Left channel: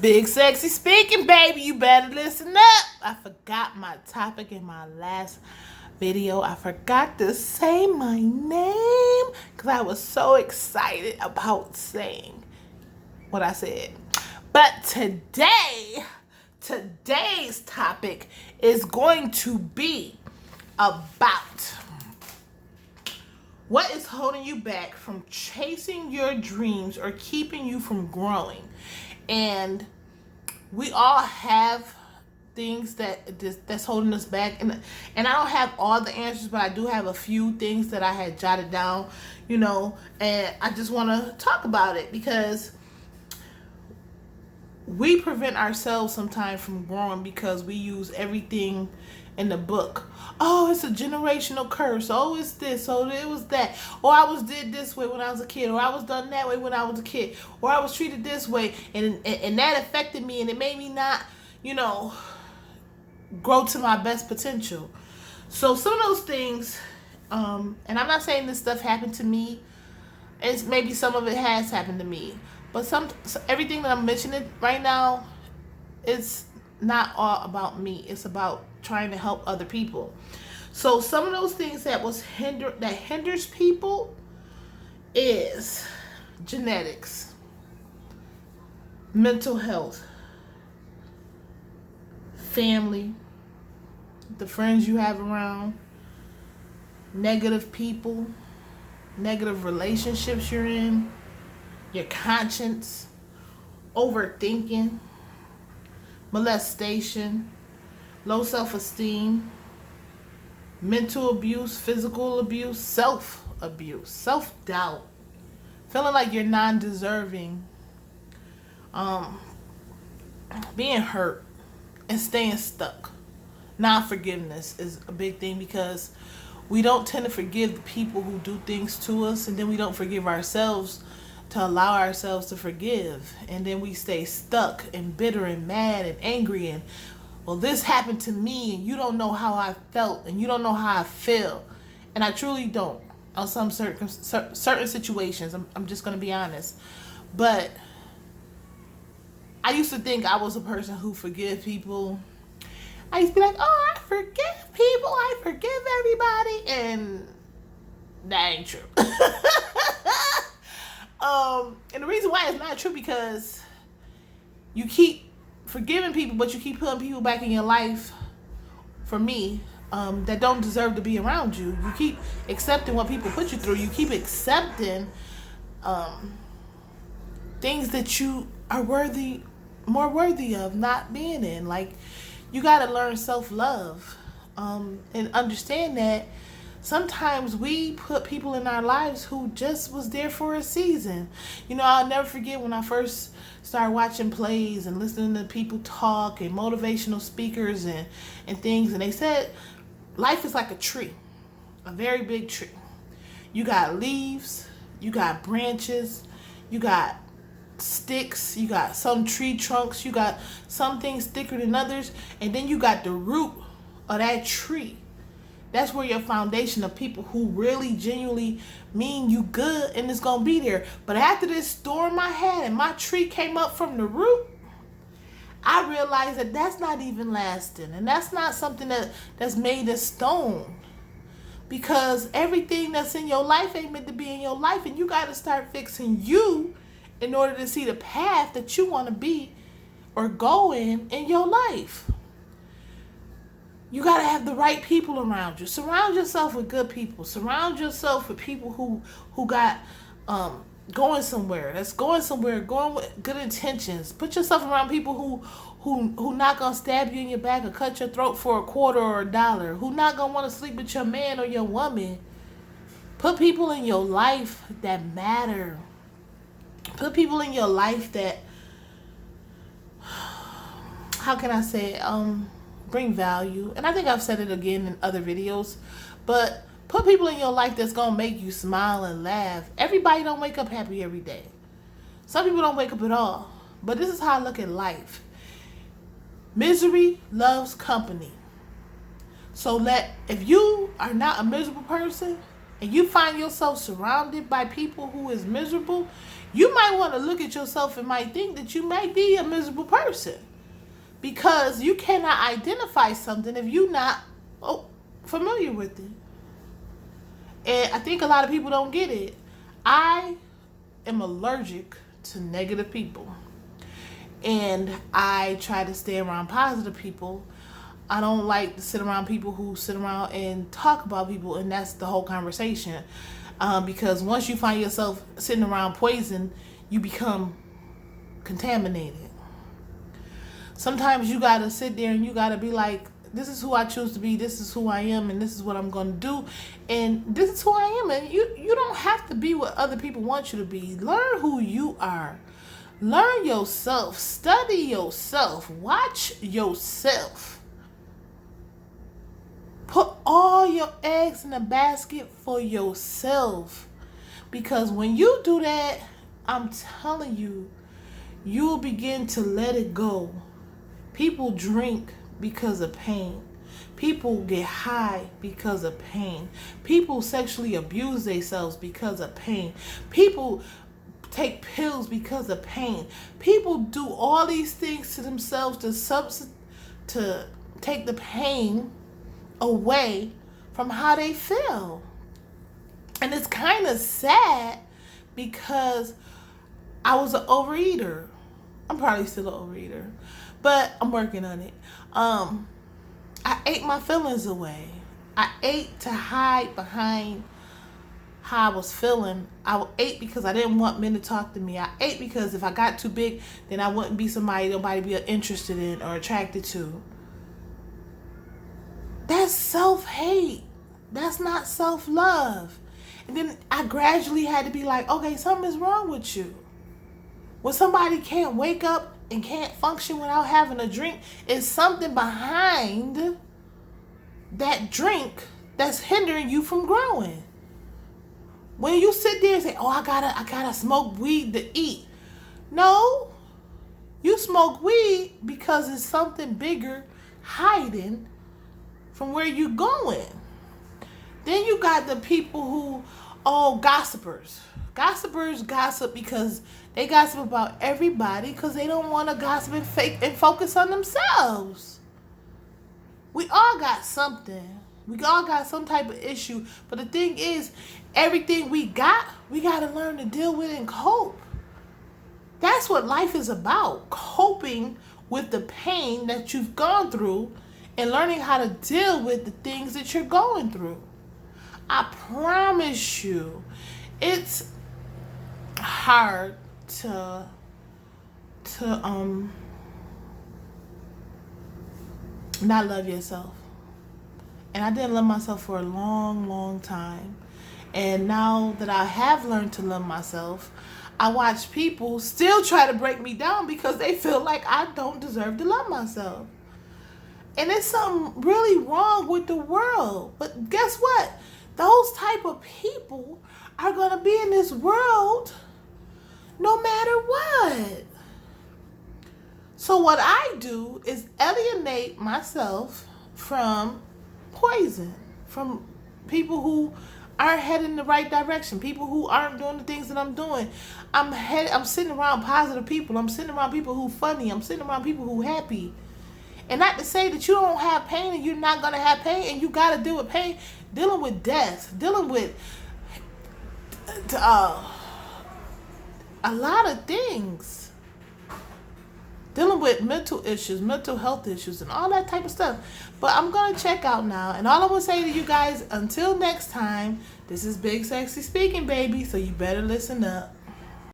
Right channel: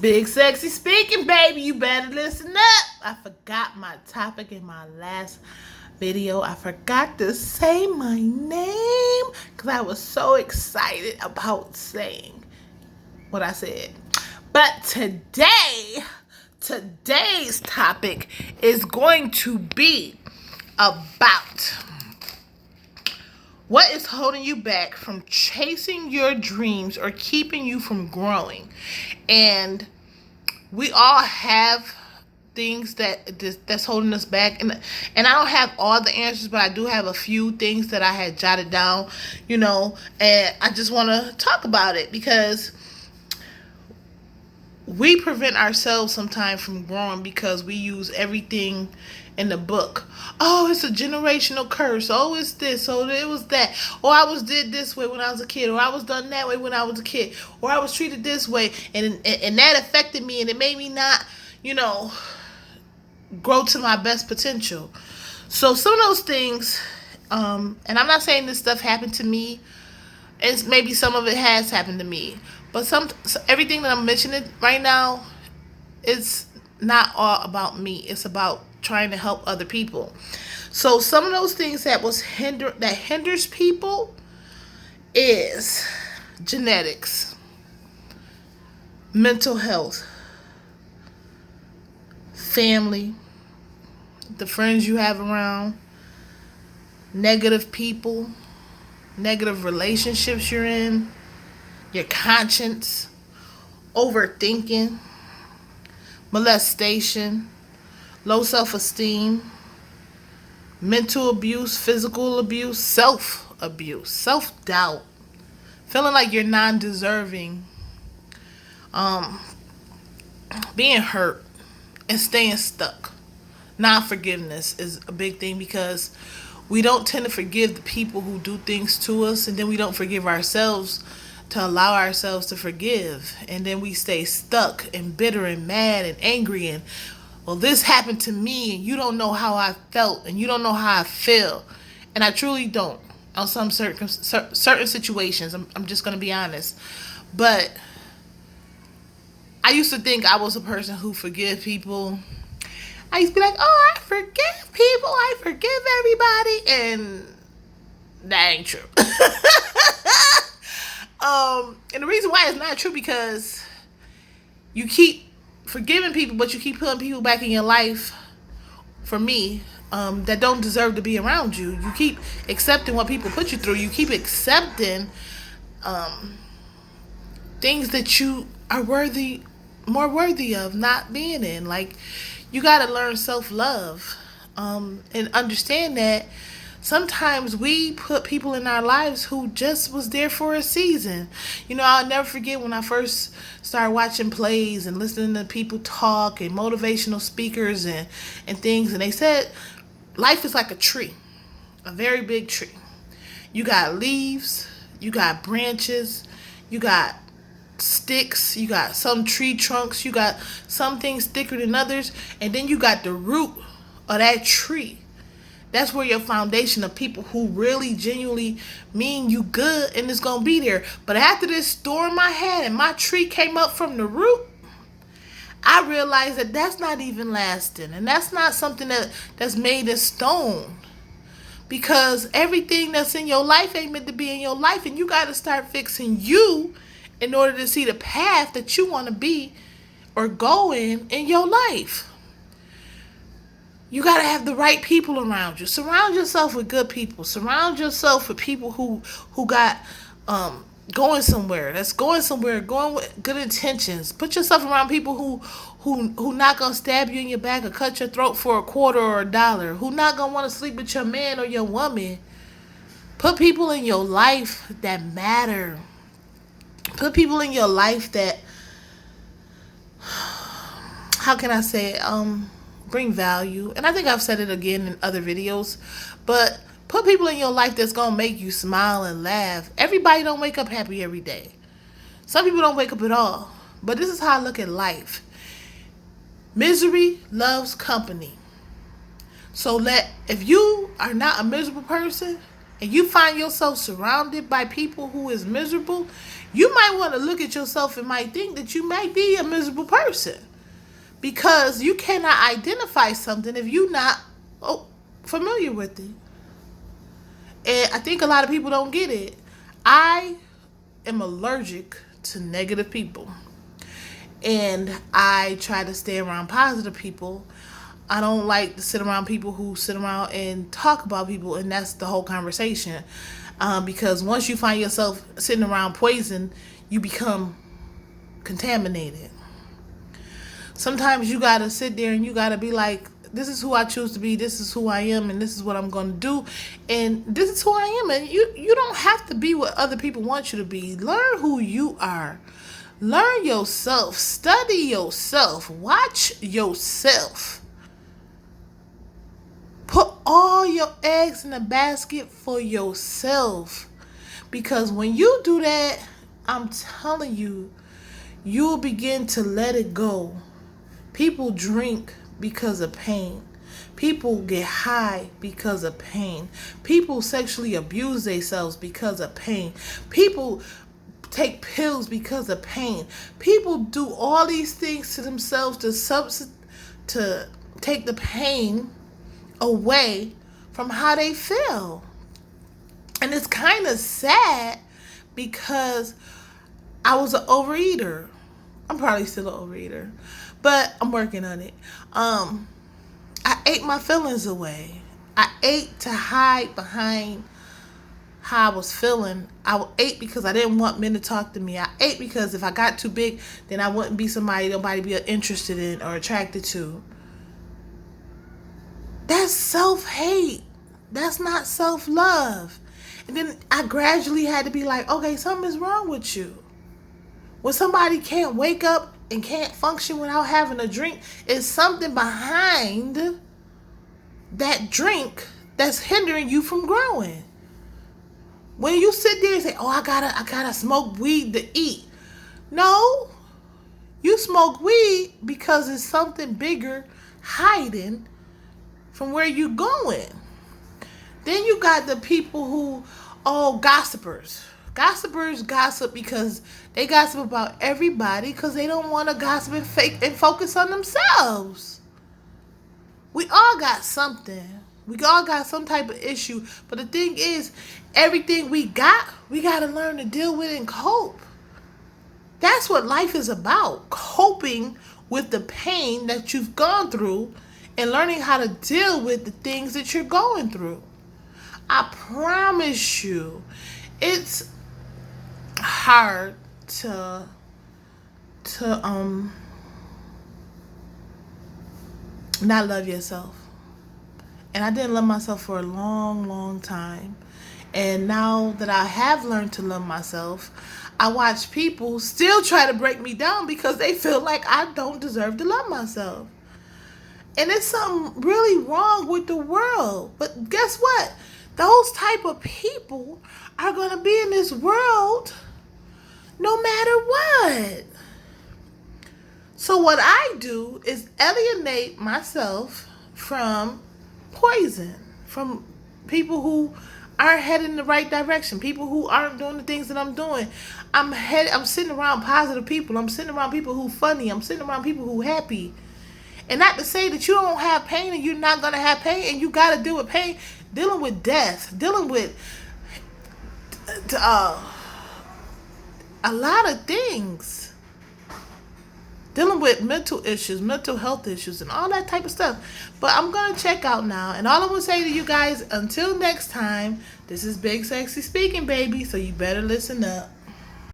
Big sexy speaking, baby. You better listen up. I forgot my topic in my last video. I forgot to say my name because I was so excited about saying what I said. But today's topic is going to be about what is holding you back from chasing your dreams or keeping you from growing. And we all have things that's holding us back, and I don't have all the answers, but I do have a few things that I had jotted down, and I just want to talk about it because we prevent ourselves sometimes from growing because we use everything in the book. Oh, it's a generational curse. Oh, it's this. Oh, it was that. Or I was did this way when I was a kid. Or I was done that way when I was a kid. Or I was treated this way, and that affected me, and it made me not, grow to my best potential. So some of those things, and I'm not saying this stuff happened to me. It's maybe some of it has happened to me, but everything that I'm mentioning right now, it's not all about me. It's about trying to help other people. So some of those things that hinders people is genetics, mental health, family, the friends you have around, negative people, negative relationships you're in, your conscience, overthinking, molestation, low self-esteem, mental abuse, physical abuse, self-abuse, self-doubt, feeling like you're non-deserving, being hurt, and staying stuck. Non-forgiveness is a big thing because we don't tend to forgive the people who do things to us, and then we don't forgive ourselves to allow ourselves to forgive, and then we stay stuck and bitter and mad and angry, and well, this happened to me and you don't know how I felt and you don't know how I feel. And I truly don't on some certain situations. I'm just going to be honest. But I used to think I was a person who forgive people. I used to be like, oh, I forgive people, I forgive everybody, and that ain't true. And the reason why it's not true because you keep forgiving people, but you keep putting people back in your life, for me, that don't deserve to be around you. You keep accepting what people put you through. You keep accepting things that you are more worthy of not being in. Like, you got to learn self-love, and understand that sometimes we put people in our lives who just was there for a season. I'll never forget when I first started watching plays and listening to people talk and motivational speakers and things, and they said life is like a tree, a very big tree. You got leaves, you got branches, you got sticks, you got some tree trunks, you got some things thicker than others, and then you got the root of that tree. That's where your foundation of people who really genuinely mean you good and it's gonna be there. But after this storm I had and my tree came up from the root, I realized that that's not even lasting, and that's not something that's made of stone. Because everything that's in your life ain't meant to be in your life, and you got to start fixing you in order to see the path that you want to be or go in your life. You got to have the right people around you. Surround yourself with good people. Surround yourself with people who got going somewhere. That's going somewhere, going with good intentions. Put yourself around people who not going to stab you in your back or cut your throat for a quarter or a dollar. Who not going to want to sleep with your man or your woman. Put people in your life that matter. Put people in your life that, how can I say it? Bring value. And I think I've said it again in other videos, but put people in your life that's gonna make you smile and laugh. Everybody don't wake up happy every day. Some people don't wake up at all. But this is how I look at life. Misery loves company. So if you are not a miserable person and you find yourself surrounded by people who is miserable, You might want to look at yourself and might think that you might be a miserable person because you cannot identify something if you're not familiar with it. And I think a lot of people don't get it. I am allergic to negative people. And I try to stay around positive people. I don't like to sit around people who sit around and talk about people, and that's the whole conversation. Because once you find yourself sitting around poison, you become contaminated. Sometimes you gotta sit there and you gotta be like, this is who I choose to be, this is who I am, and this is what I'm gonna do, and this is who I am. And you don't have to be what other people want you to be. Learn who you are. Learn yourself. Study yourself. Watch yourself. Put all your eggs in a basket for yourself. Because when you do that, I'm telling you, you'll begin to let it go. People drink because of pain. People get high because of pain. People sexually abuse themselves because of pain. People take pills because of pain. People do all these things to themselves to take the pain away from how they feel. And it's kind of sad because I was an overeater. I'm probably still an overeater, but I'm working on it. I ate my feelings away. I ate to hide behind how I was feeling. I ate because I didn't want men to talk to me. I ate because if I got too big, then I wouldn't be somebody nobody be interested in or attracted to. That's self-hate. That's not self-love. And then I gradually had to be like, okay, something is wrong with you. When somebody can't wake up and can't function without having a drink, it's something behind that drink that's hindering you from growing. When you sit there and say, oh, I gotta smoke weed to eat. No, you smoke weed because it's something bigger hiding from where you going. Then you got the people who, gossipers. Gossipers gossip because they gossip about everybody because they don't want to gossip and focus on themselves. We all got something. We all got some type of issue. But the thing is, everything we got to learn to deal with and cope. That's what life is about. Coping with the pain that you've gone through and learning how to deal with the things that you're going through. I promise you, it's hard to not love yourself. And I didn't love myself for a long, long time. And now that I have learned to love myself, I watch people still try to break me down because they feel like I don't deserve to love myself. And there's something really wrong with the world. But guess what? Those type of people are going to be in this world no matter what. So what I do is alienate myself from poison, from people who aren't heading in the right direction, people who aren't doing the things that I'm doing. I'm sitting around positive people. I'm sitting around people who funny. I'm sitting around people who happy. And not to say that you don't have pain and you're not going to have pain and you got to deal with pain, dealing with death, dealing with a lot of things. Dealing with mental issues, mental health issues, and all that type of stuff. But I'm going to check out now. And all I'm going to say to you guys, until next time, this is Big Sexy speaking, baby. So you better listen up.